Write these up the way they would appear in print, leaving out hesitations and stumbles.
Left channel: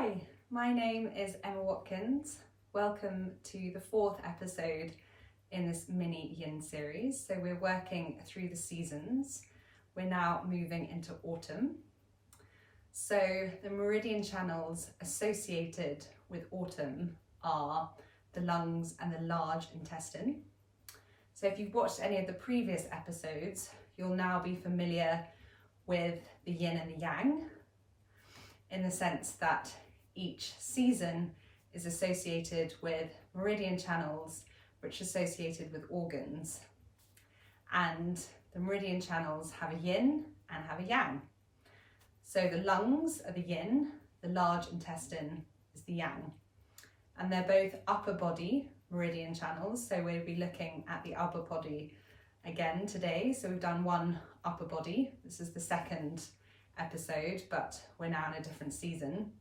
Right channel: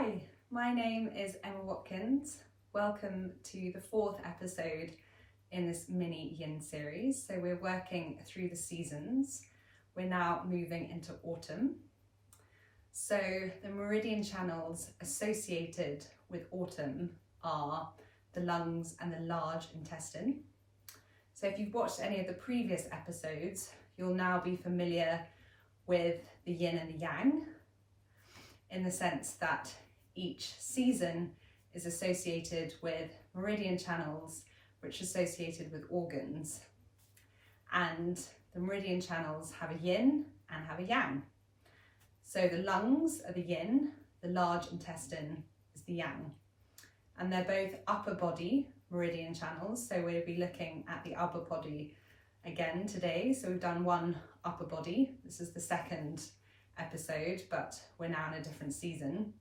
Hi, my name is Emma Watkins. Welcome to the fourth episode in this mini Yin series. So we're working through the seasons. We're now moving into autumn. So the meridian channels associated with autumn are the lungs and the large intestine. So if you've watched any of the previous episodes, you'll now be familiar with the yin and the yang, in the sense that each season is associated with meridian channels which are associated with organs. And the meridian channels have a yin and have a yang. So the lungs are the yin, the large intestine is the yang. And they're both upper body meridian channels. So we'll be looking at the upper body again today. So we've done one upper body. This is the second episode, but we're now in a different season.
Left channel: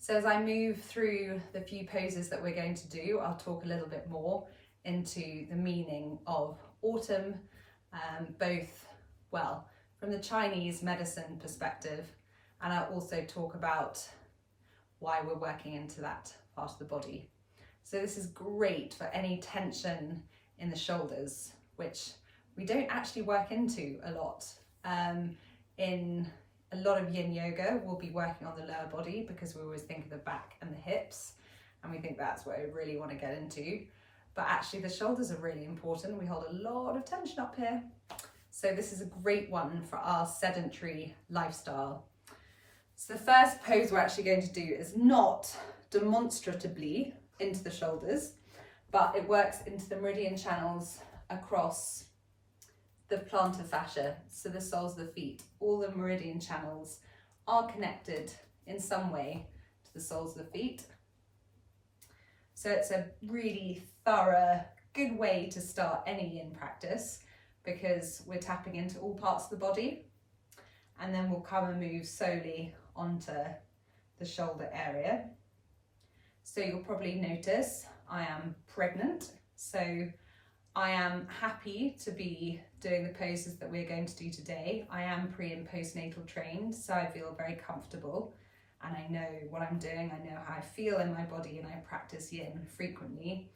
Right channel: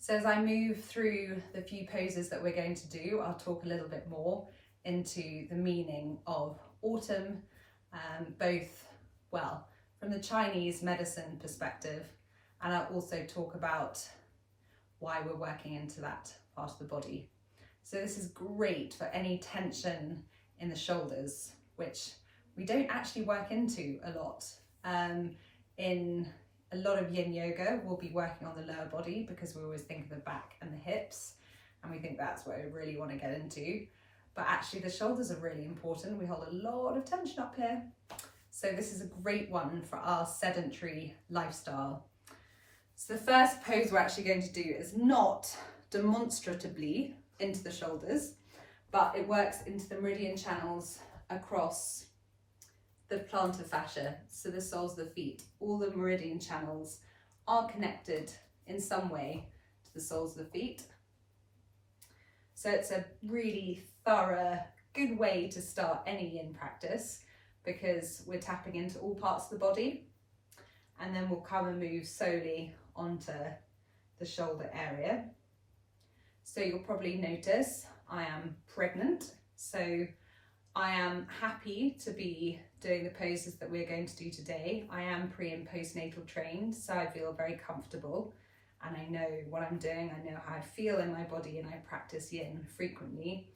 So as I move through the few poses that we're going to do, I'll talk a little bit more into the meaning of autumn, from the Chinese medicine perspective, and I'll also talk about why we're working into that part of the body. So this is great for any tension in the shoulders, which we don't actually work into a lot. In a lot of yin yoga, we'll be working on the lower body because we always think of the back and the hips, and we think that's what we really want to get into. But actually the shoulders are really important. We hold a lot of tension up here. So this is a great one for our sedentary lifestyle. So the first pose we're actually going to do is not demonstratively into the shoulders, but it works into the meridian channels across the plantar fascia, so the soles of the feet. All the meridian channels are connected in some way to the soles of the feet. So it's a really thorough, good way to start any yin practice because we're tapping into all parts of the body, and then we'll come and move slowly onto the shoulder area. So you'll probably notice I am pregnant, so I am happy to be doing the poses that we're going to do today. I am pre and postnatal trained, so I feel very comfortable and I know what I'm doing. I know how I feel in my body, and I practice yin frequently.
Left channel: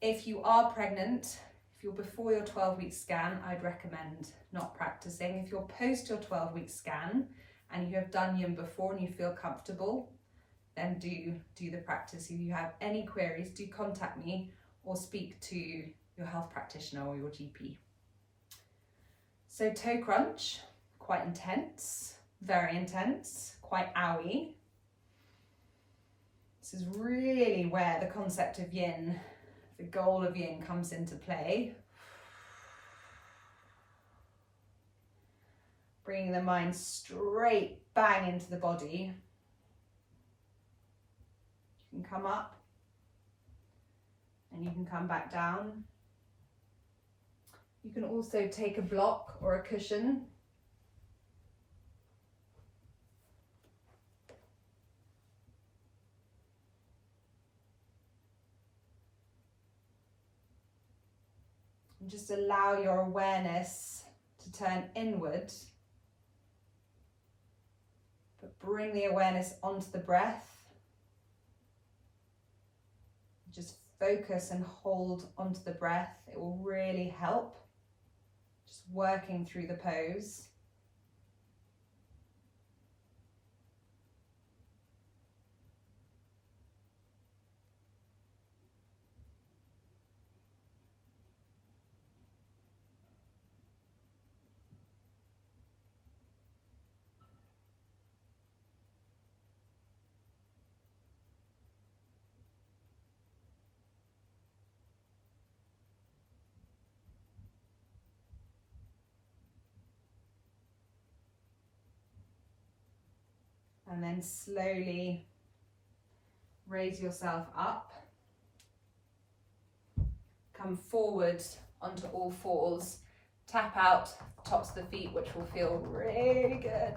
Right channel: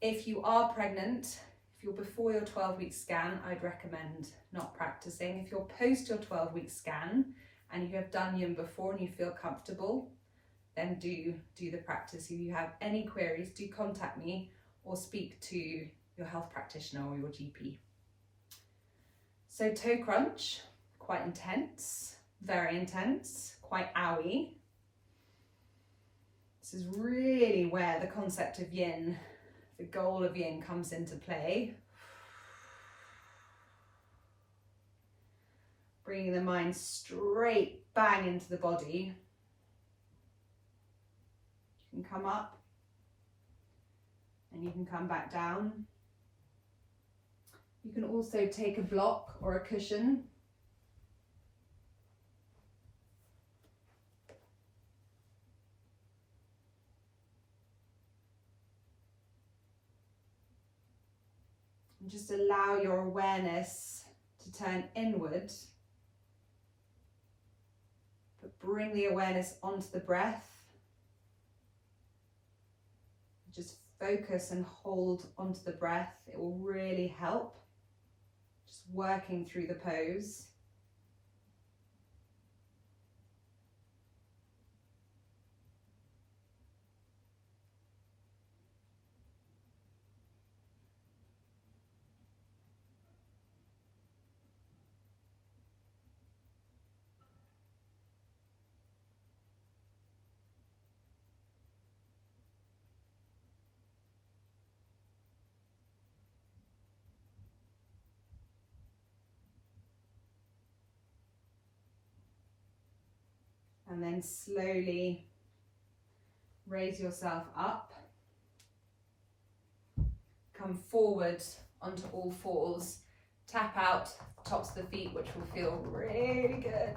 If you are pregnant, if you're before your 12-week scan, I'd recommend not practicing. If you're post your 12-week scan and you have done yin before and you feel comfortable, then do the practice. If you have any queries, do contact me or speak to your health practitioner or your GP. So toe crunch, quite intense, very intense, quite owie. This is really where the concept of yin, the goal of yin, comes into play. Bringing the mind straight bang into the body. You can come up and you can come back down. You can also take a block or a cushion. And just allow your awareness to turn inward, but bring the awareness onto the breath. Just focus and hold onto the breath. It will really help. Just working through the pose. And then slowly raise yourself up. Come forward onto all fours. Tap out the tops of the feet, which will feel really good.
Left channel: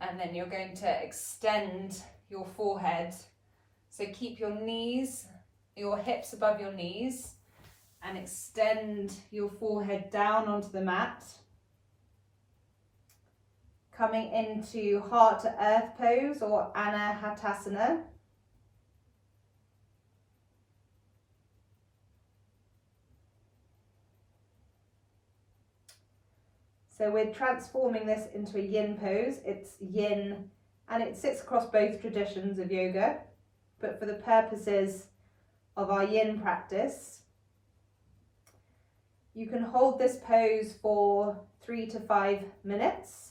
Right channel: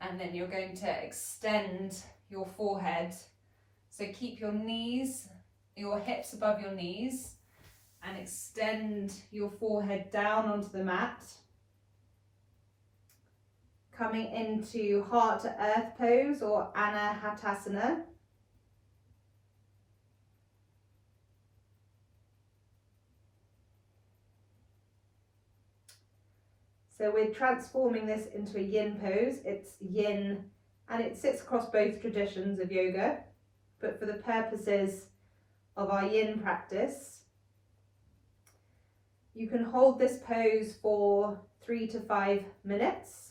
And then you're going to extend your forehead. So keep your knees, your hips above your knees, and extend your forehead down onto the mat. Coming into heart to earth pose or Anahatasana. So we're transforming this into a yin pose. It's yin and it sits across both traditions of yoga, but for the purposes of our yin practice, you can hold this pose for 3 to 5 minutes.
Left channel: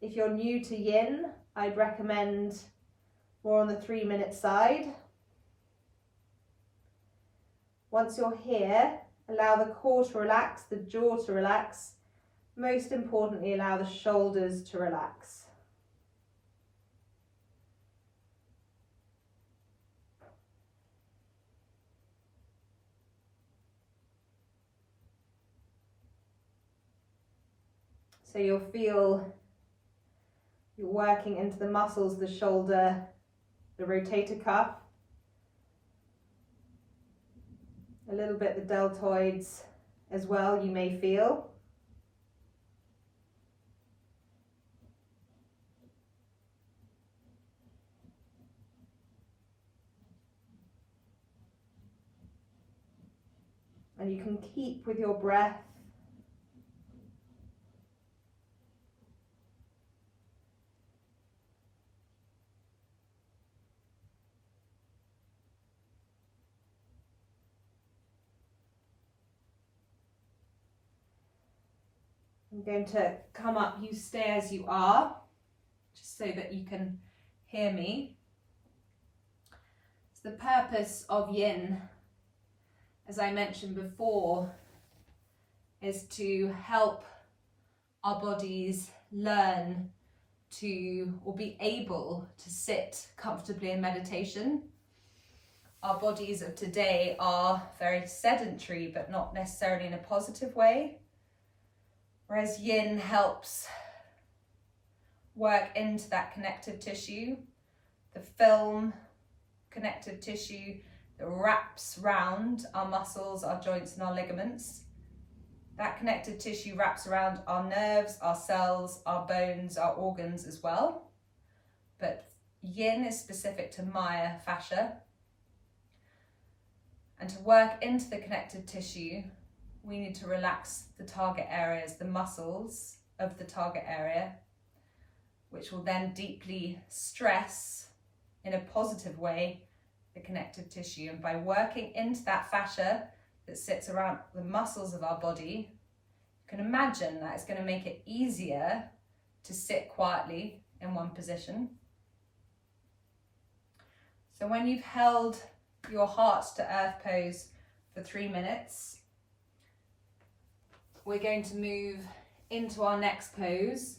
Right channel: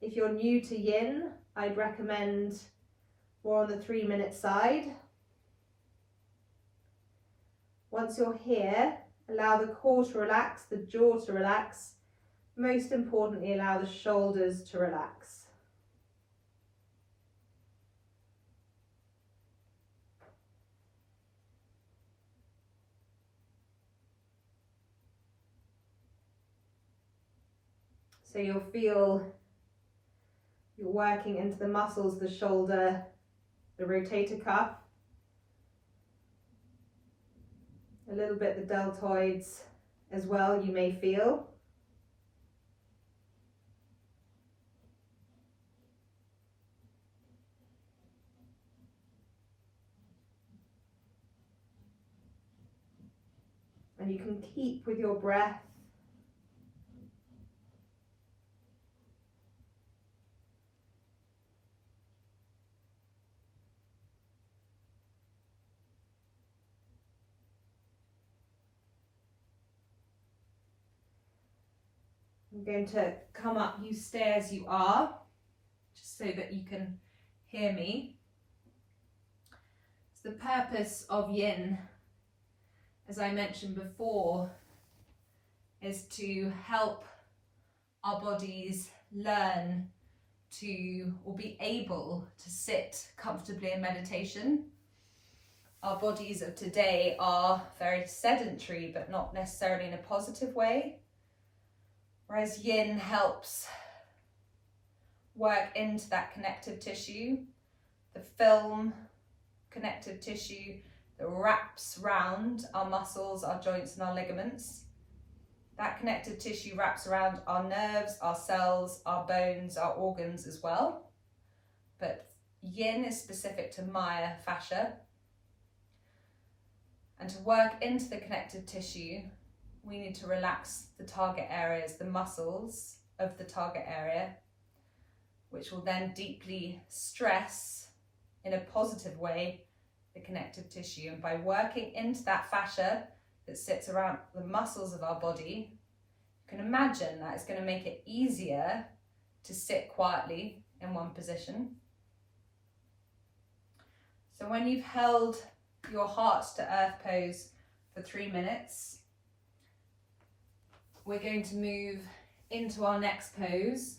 If you're new to yin, I'd recommend more on the 3-minute side. Once you're here, allow the core to relax, the jaw to relax. Most importantly, allow the shoulders to relax. So you'll feel you're working into the muscles, the shoulder, the rotator cuff, a little bit the deltoids as well, you may feel. And you can keep with your breath. I'm going to come up, you stay as you are, just so that you can hear me. So the purpose of yin, as I mentioned before, is to help our bodies learn to, or be able to sit comfortably in meditation. Our bodies of today are very sedentary, but not necessarily in a positive way. Whereas yin helps work into that connective tissue, the film connective tissue that wraps round our muscles, our joints and our ligaments. That connective tissue wraps around our nerves, our cells, our bones, our organs as well. But yin is specific to Maya fascia. And to work into the connective tissue, we need to relax the target areas, the muscles of the target area, which will then deeply stress in a positive way the connective tissue. And by working into that fascia that sits around the muscles of our body, you can imagine that it's going to make it easier to sit quietly in one position. So when you've held your heart to earth pose for 3 minutes, we're going to move into our next pose.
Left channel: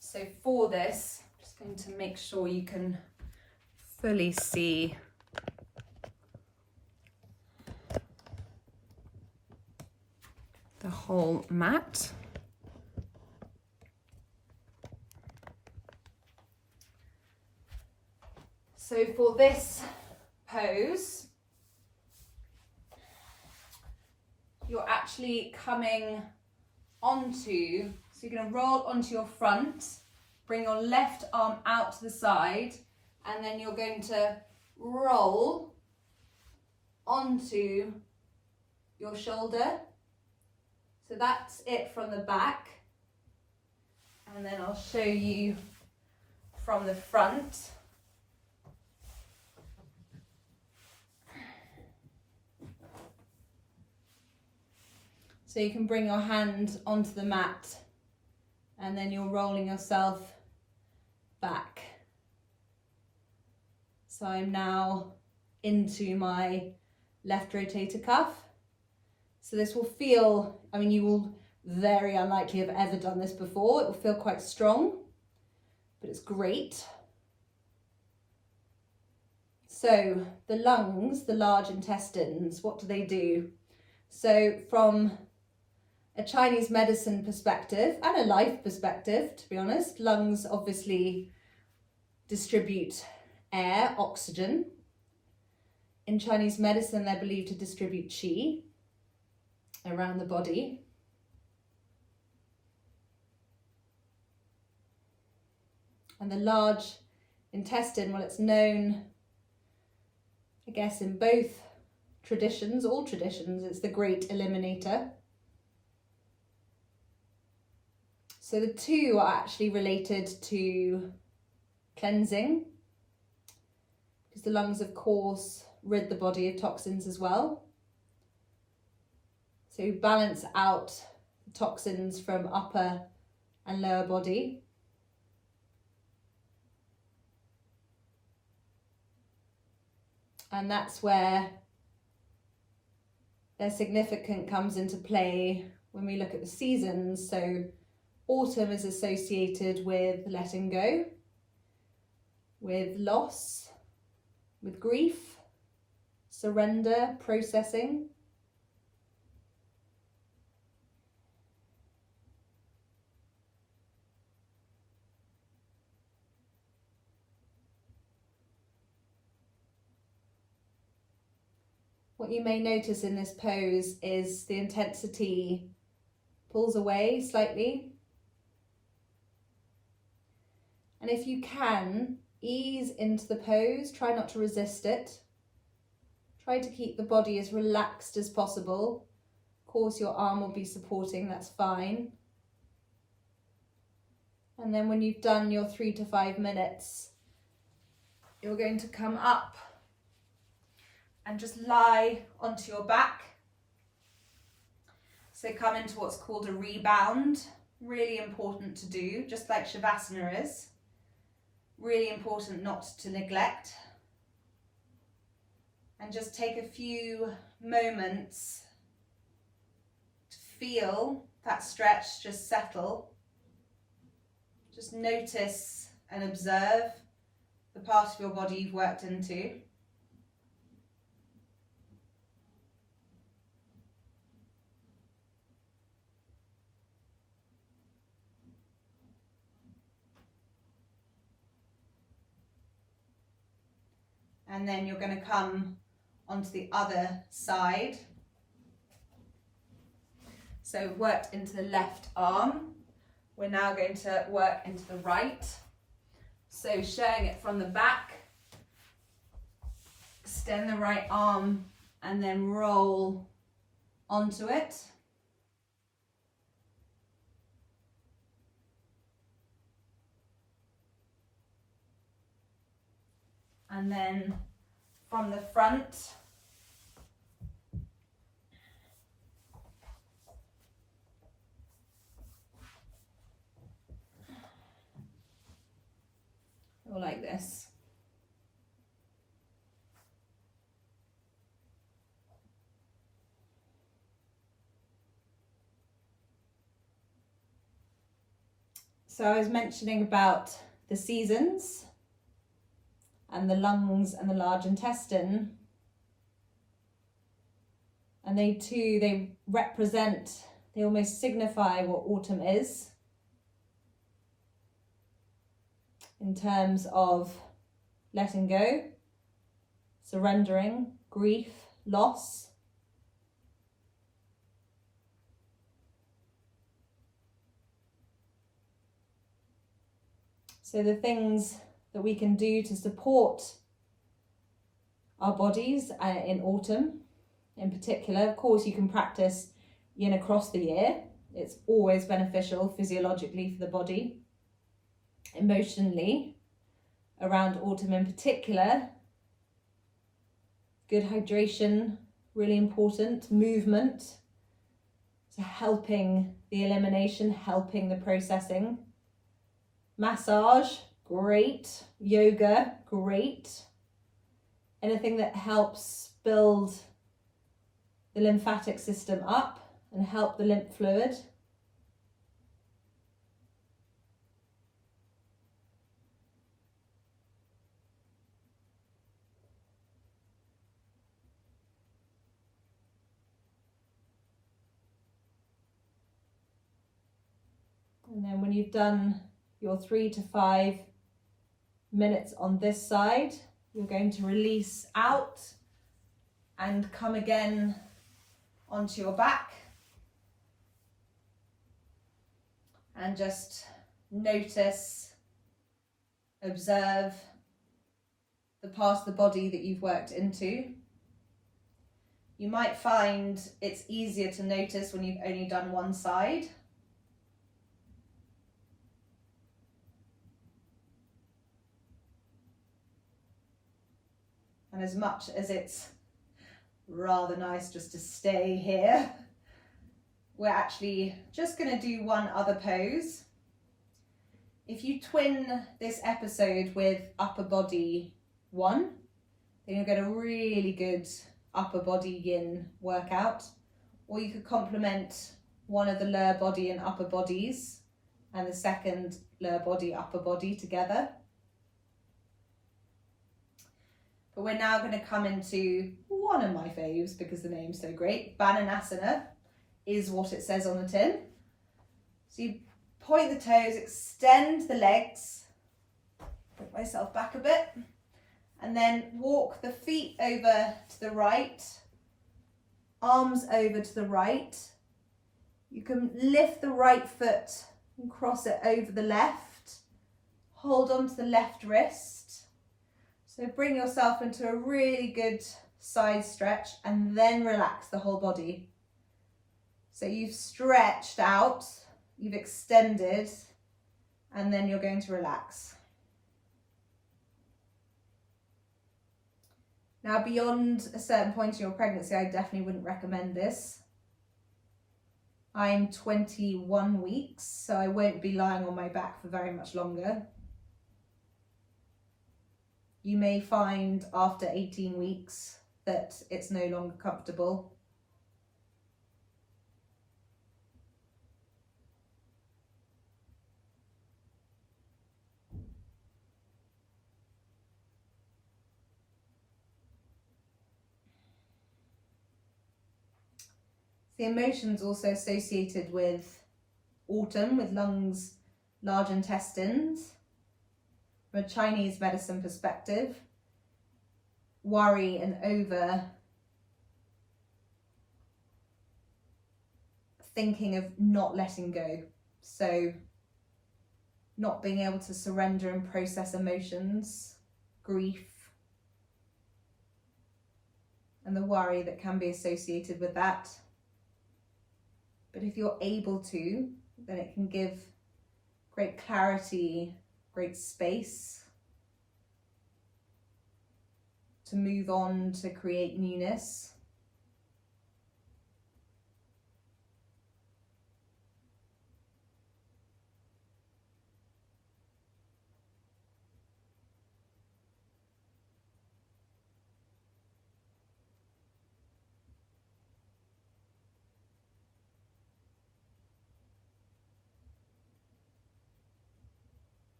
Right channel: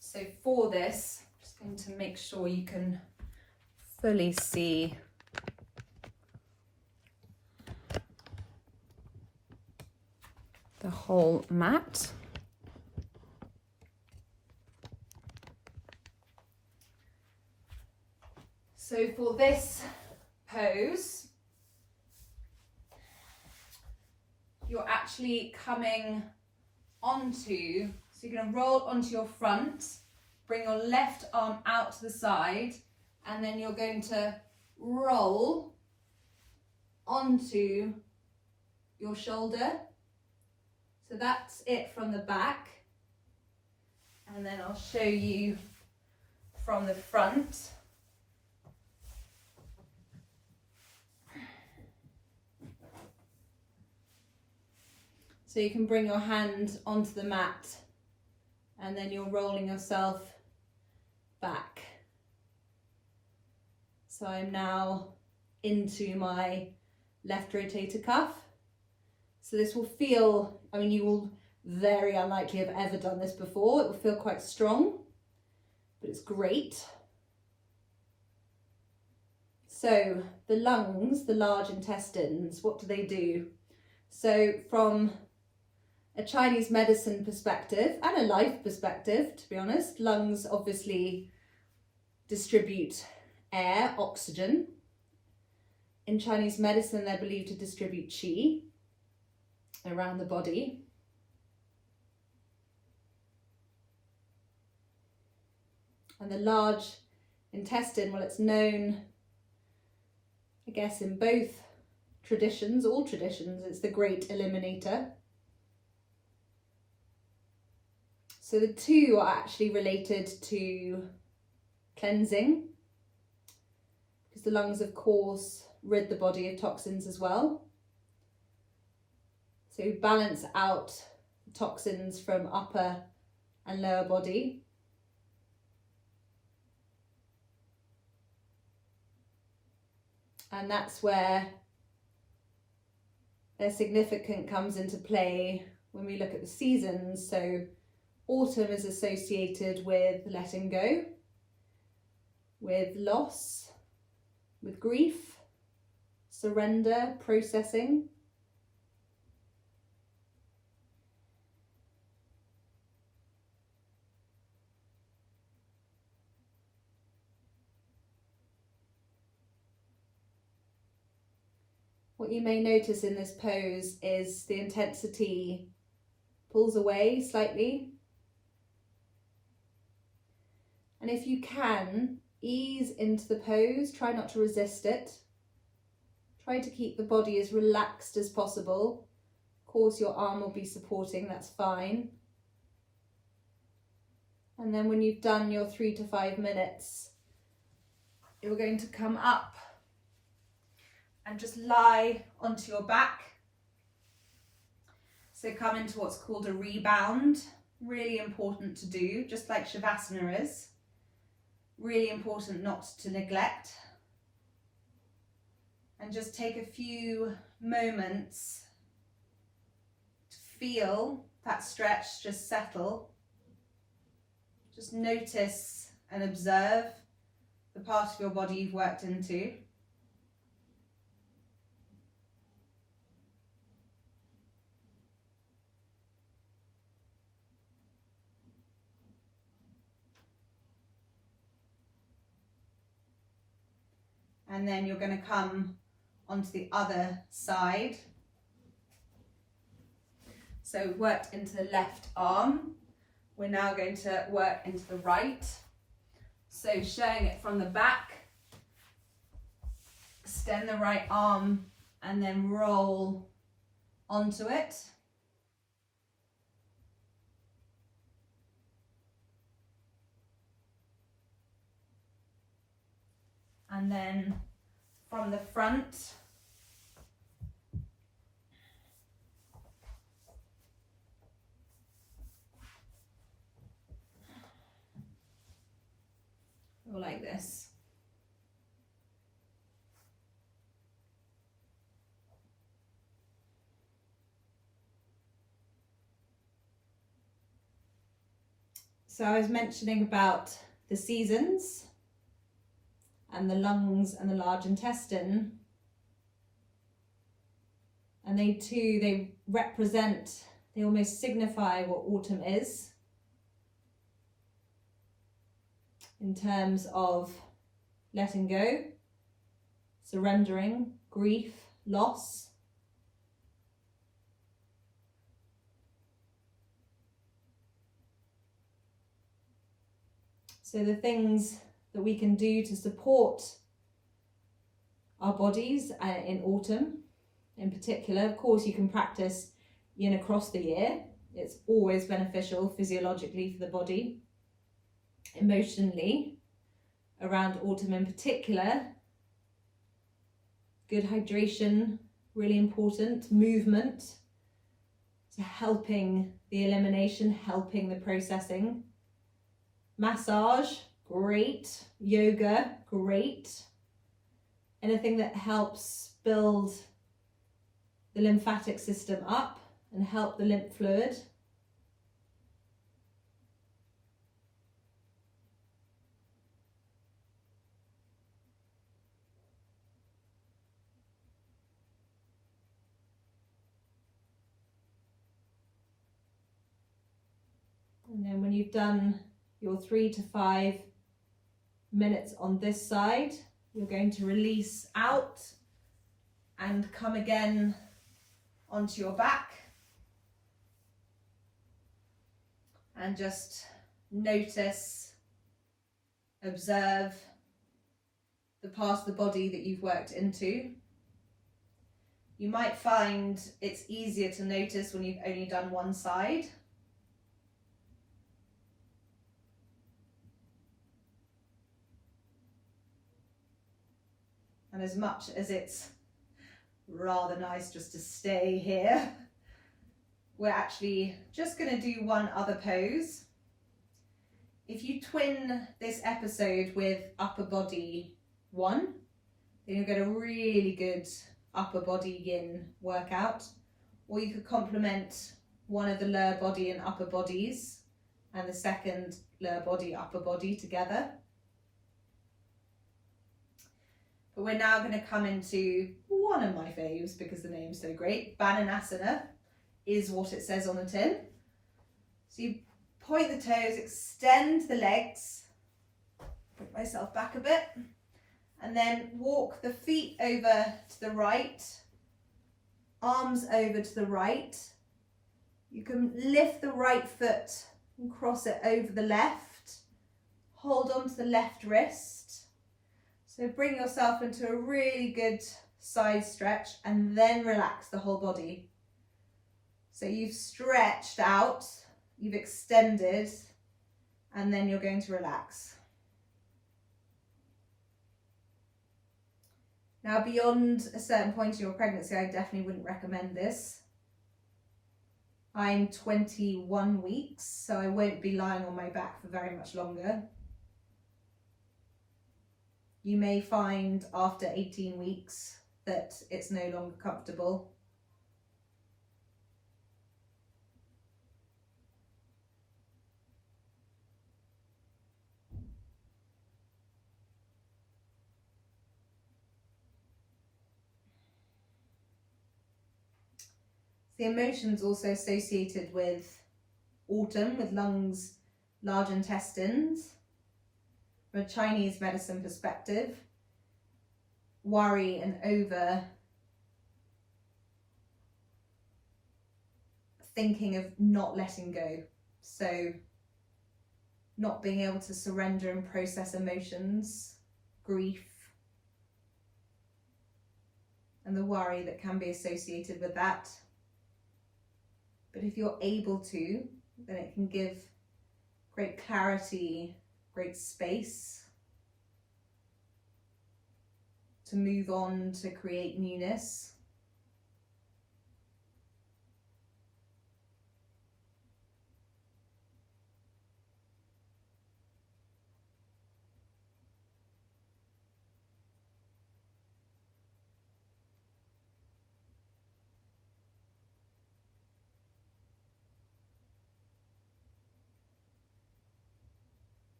So for this, I'm just going to make sure you can fully see the whole mat. So for this pose, you're actually coming onto, so you're going to roll onto your front, bring your left arm out to the side, and then you're going to roll onto your shoulder. So that's it from the back. And then I'll show you from the front. So you can bring your hand onto the mat and then you're rolling yourself back. So I'm now into my left rotator cuff. So this will feel, I mean, you will very unlikely have ever done this before. It will feel quite strong, but it's great. So the lungs, the large intestines, what do? So from a Chinese medicine perspective and a life perspective, to be honest, lungs obviously distribute air, oxygen. In Chinese medicine, they're believed to distribute qi around the body. And the large intestine, well, it's known, I guess, in both traditions, all traditions, it's the great eliminator. So the two are actually related to cleansing, because the lungs, of course, rid the body of toxins as well. So balance out the toxins from upper and lower body. And that's where their significance comes into play when we look at the seasons. So autumn is associated with letting go, with loss, with grief, surrender, processing. What you may notice in this pose is the intensity pulls away slightly. And if you can, ease into the pose, try not to resist it. Try to keep the body as relaxed as possible. Of course, your arm will be supporting, that's fine. And then when you've done your 3 to 5 minutes, you're going to come up and just lie onto your back. So come into what's called a rebound. Really important to do, just like Shavasana is. Really important not to neglect. And just take a few moments to feel that stretch just settle. Just notice and observe the part of your body you've worked into. And then you're going to come onto the other side. So we worked into the left arm. We're now going to work into the right. So showing it from the back, extend the right arm and then roll onto it. And then from the front, or like this. So I was mentioning about the seasons and the lungs and the large intestine. And they represent, they almost signify what autumn is in terms of letting go, surrendering, grief, loss. So the things that we can do to support our bodies in autumn in particular, of course you can practice yin across the year. It's always beneficial physiologically for the body. Emotionally, around autumn in particular, good hydration, really important, movement, so helping the elimination, helping the processing. Massage, great. Yoga, great. Anything that helps build the lymphatic system up and help the lymph fluid. And then when you've done your 3 to 5 minutes on this side, you're going to release out And come again onto your back. And just notice, observe the part of the body that you've worked into. You might find it's easier to notice when you've only done one side. And as much as it's rather nice just to stay here, we're actually just going to do one other pose. If you twin this episode with upper body 1, then you'll get a really good upper body yin workout. Or you could complement one of the lower body and upper bodies and the second lower body, upper body together. But we're now going to come into one of my faves because the name's so great. Bananasana is what it says on the tin. So you point the toes, extend the legs, bring myself back a bit, and then walk the feet over to the right, arms over to the right. You can lift the right foot and cross it over the left. Hold on to the left wrist. So bring yourself into a really good side stretch and then relax the whole body. So you've stretched out, you've extended, and then you're going to relax. Now, beyond a certain point in your pregnancy, I definitely wouldn't recommend this. I'm 21 weeks, so I won't be lying on my back for very much longer. You may find after 18 weeks that it's no longer comfortable. The emotions also associated with autumn, with lungs, large intestines. From a Chinese medicine perspective, worry and over thinking of not letting go. So not being able to surrender and process emotions, grief, and the worry that can be associated with that. But if you're able to, then it can give great clarity, great space to move on, to create newness.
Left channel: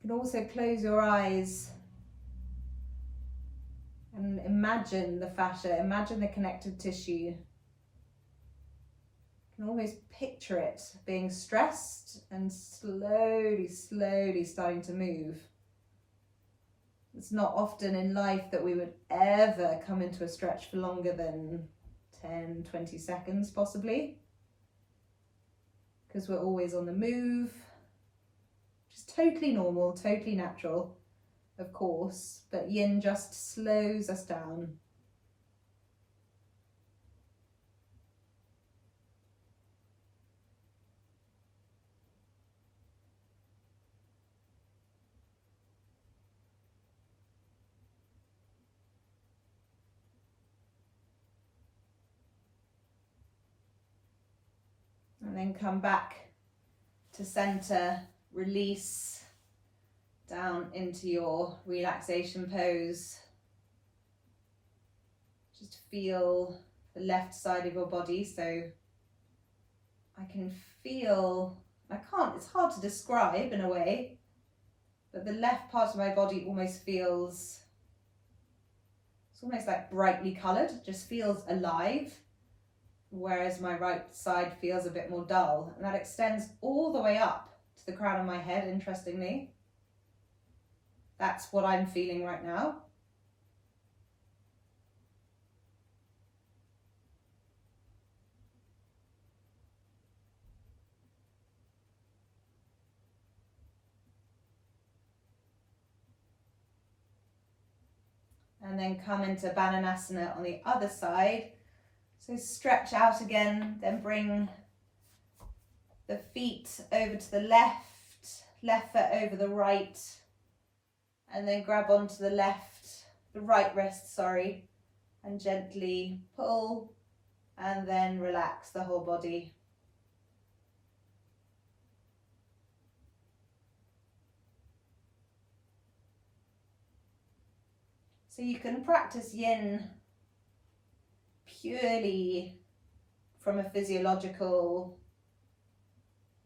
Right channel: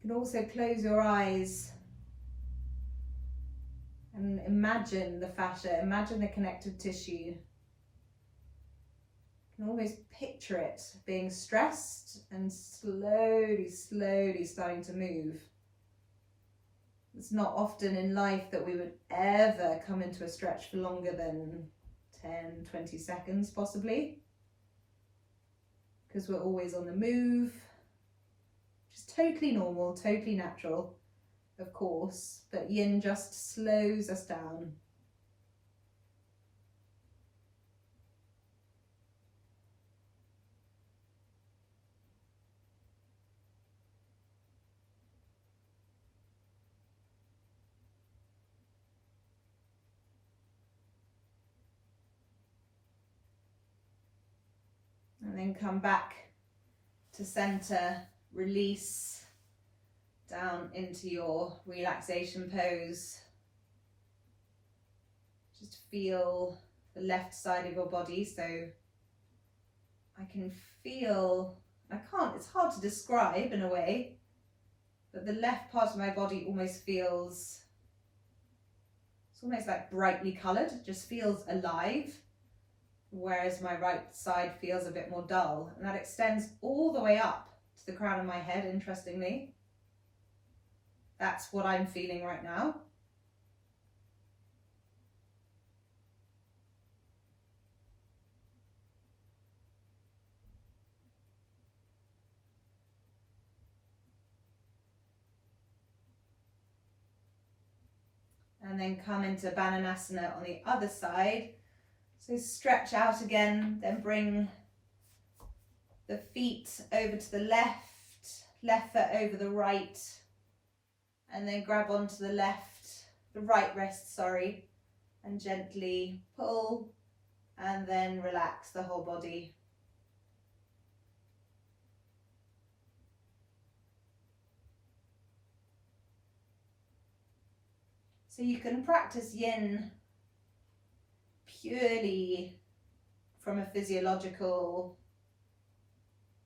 You can also close your eyes and imagine the fascia, imagine the connective tissue. You can almost picture it being stressed and slowly starting to move. It's not often in life that we would ever come into a stretch for longer than 10, 20 seconds possibly, because we're always on the move. Totally normal, totally natural, of course, but yin just slows us down. And then come back to center, release down into your relaxation pose. Just feel the left side of your body. So I can feel, it's hard to describe in a way, but the left part of my body almost feels, it's almost like brightly coloured, it just feels alive. Whereas my right side feels a bit more dull, and that extends all the way up to the crown of my head, interestingly. That's what I'm feeling right now. And then come into Bananasana on the other side. So stretch out again, then bring the feet over to the left foot over the right, and then grab onto the right wrist, sorry, and gently pull, and then relax the whole body. So you can practice Yin purely from a physiological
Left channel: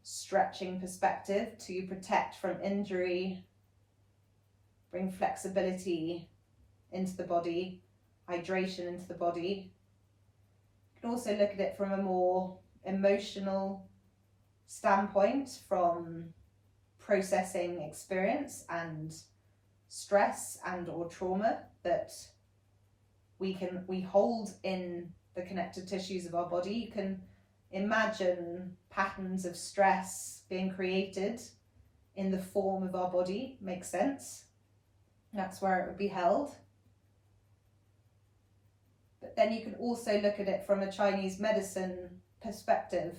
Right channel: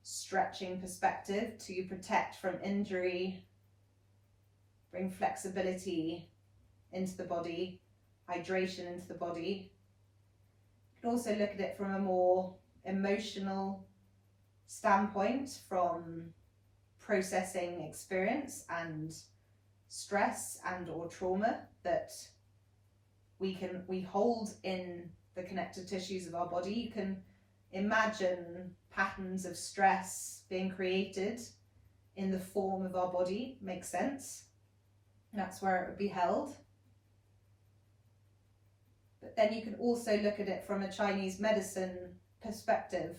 stretching perspective to protect from injury, bring flexibility into the body, hydration into the body. You can also look at it from a more emotional standpoint, from processing experience and stress and or trauma that we hold in the connective tissues of our body. You can imagine patterns of stress being created in the form of our body. Makes sense. That's where it would be held. But then you can also look at it from a Chinese medicine perspective,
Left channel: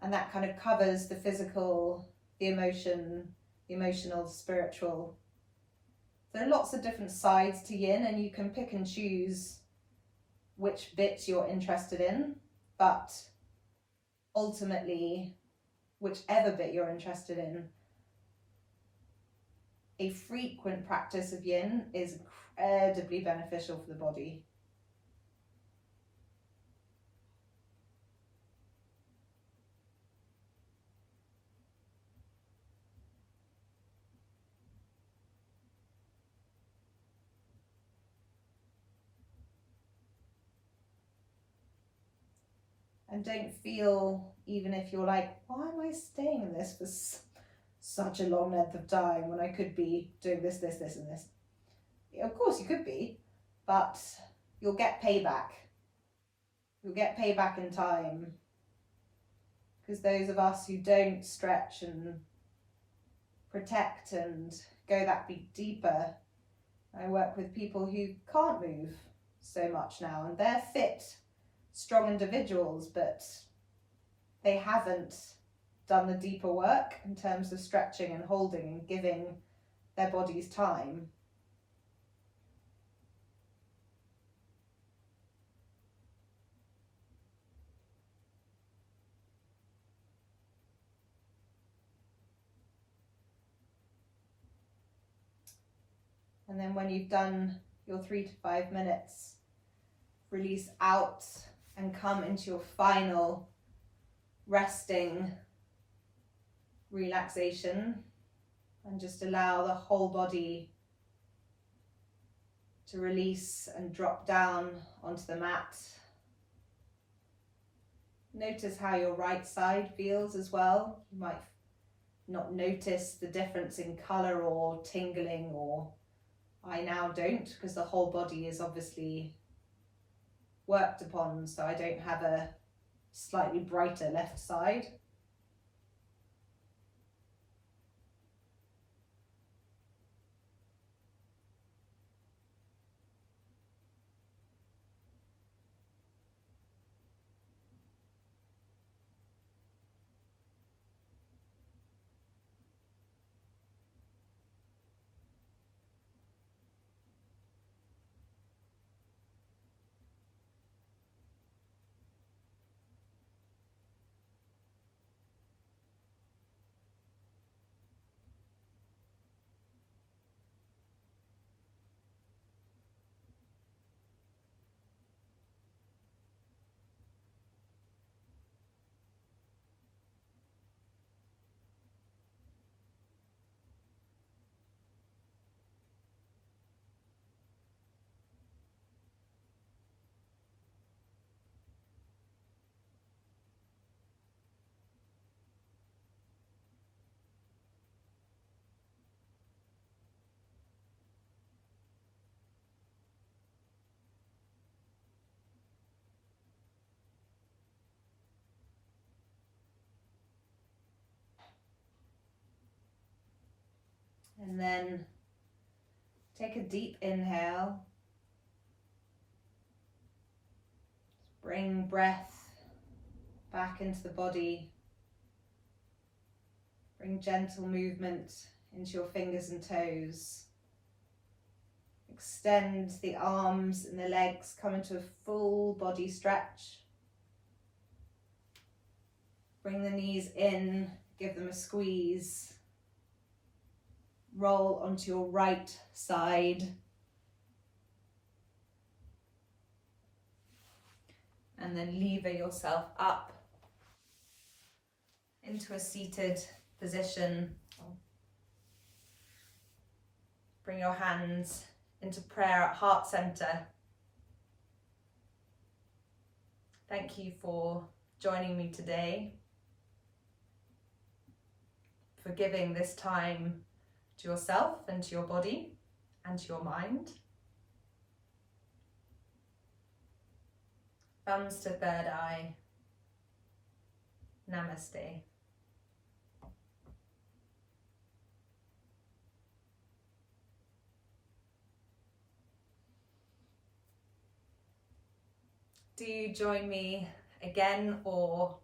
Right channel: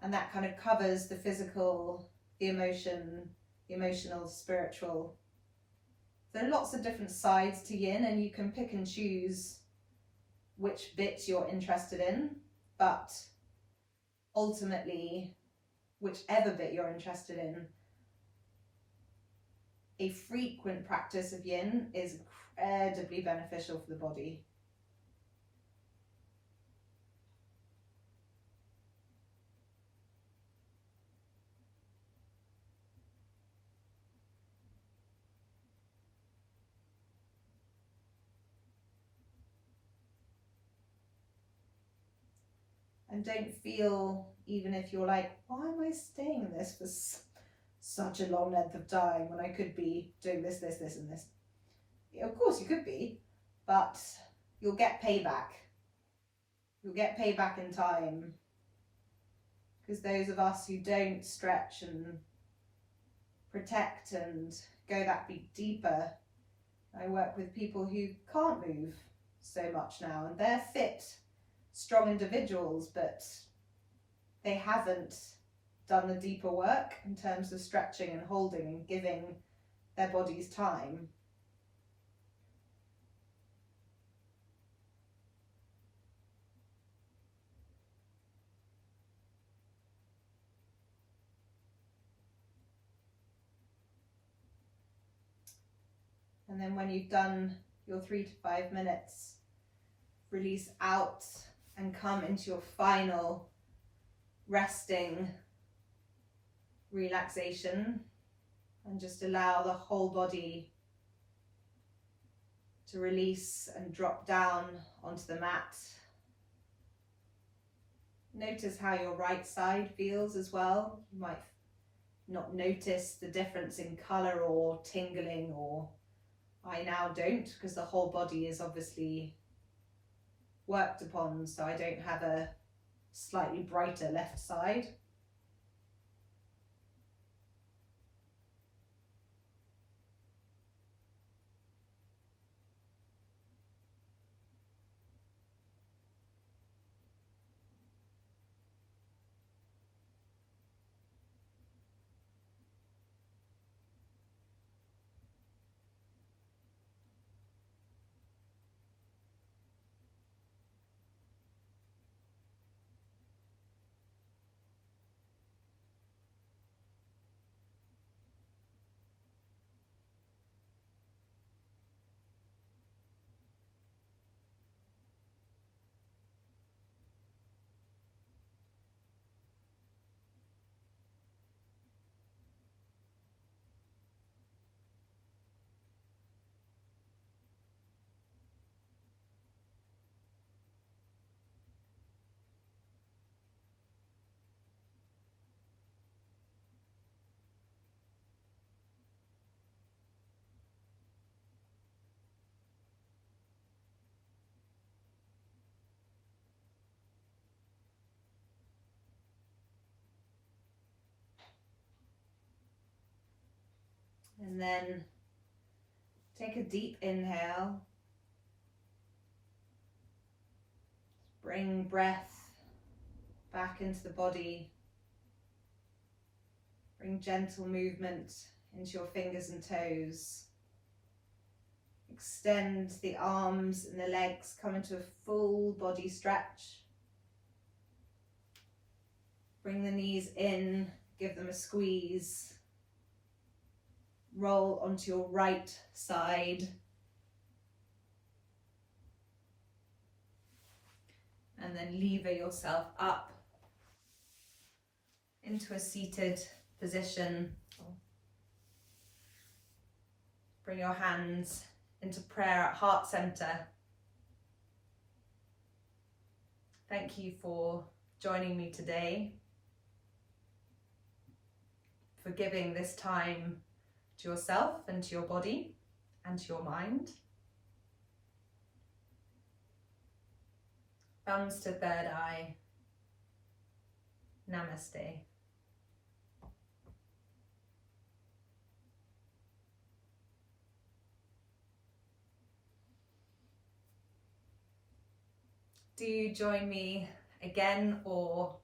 and that kind of covers the physical, the emotional, the spiritual. There are lots of different sides to Yin, and you can pick and choose which bit you're interested in, but ultimately, whichever bit you're interested in, a frequent practice of Yin is incredibly beneficial for the body. And don't feel, even if you're like, why am I staying in this for such a long length of time when I could be doing this, and this? Yeah, of course you could be, but you'll get payback. You'll get payback in time. Because those of us who don't stretch and protect and go that bit deeper, I work with people who can't move so much now, and they're fit, strong individuals, but they haven't done the deeper work in terms of stretching and holding and giving their bodies time. And then when you've done your 3 to 5 minutes, release out and come into your final resting relaxation, and just allow the whole body to release and drop down onto the mat. Notice how your right side feels as well. You might not notice the difference in colour or tingling, or I now don't, because the whole body is obviously worked upon, so I don't have a slightly brighter left side. And then take a deep inhale. Bring breath back into the body. Bring gentle movement into your fingers and toes. Extend the arms and the legs, come into a full body stretch. Bring the knees in, give them a squeeze. Roll onto your right side. And then lever yourself up into a seated position. Bring your hands into prayer at heart center. Thank you for joining me today, for giving this time to yourself and to your body and to your mind. Thumbs to third eye. Namaste. Do join me again or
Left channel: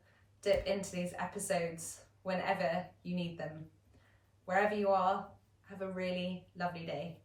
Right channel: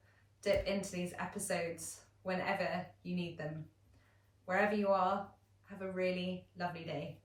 dip into these episodes whenever you need them. Wherever you are, have a really lovely day.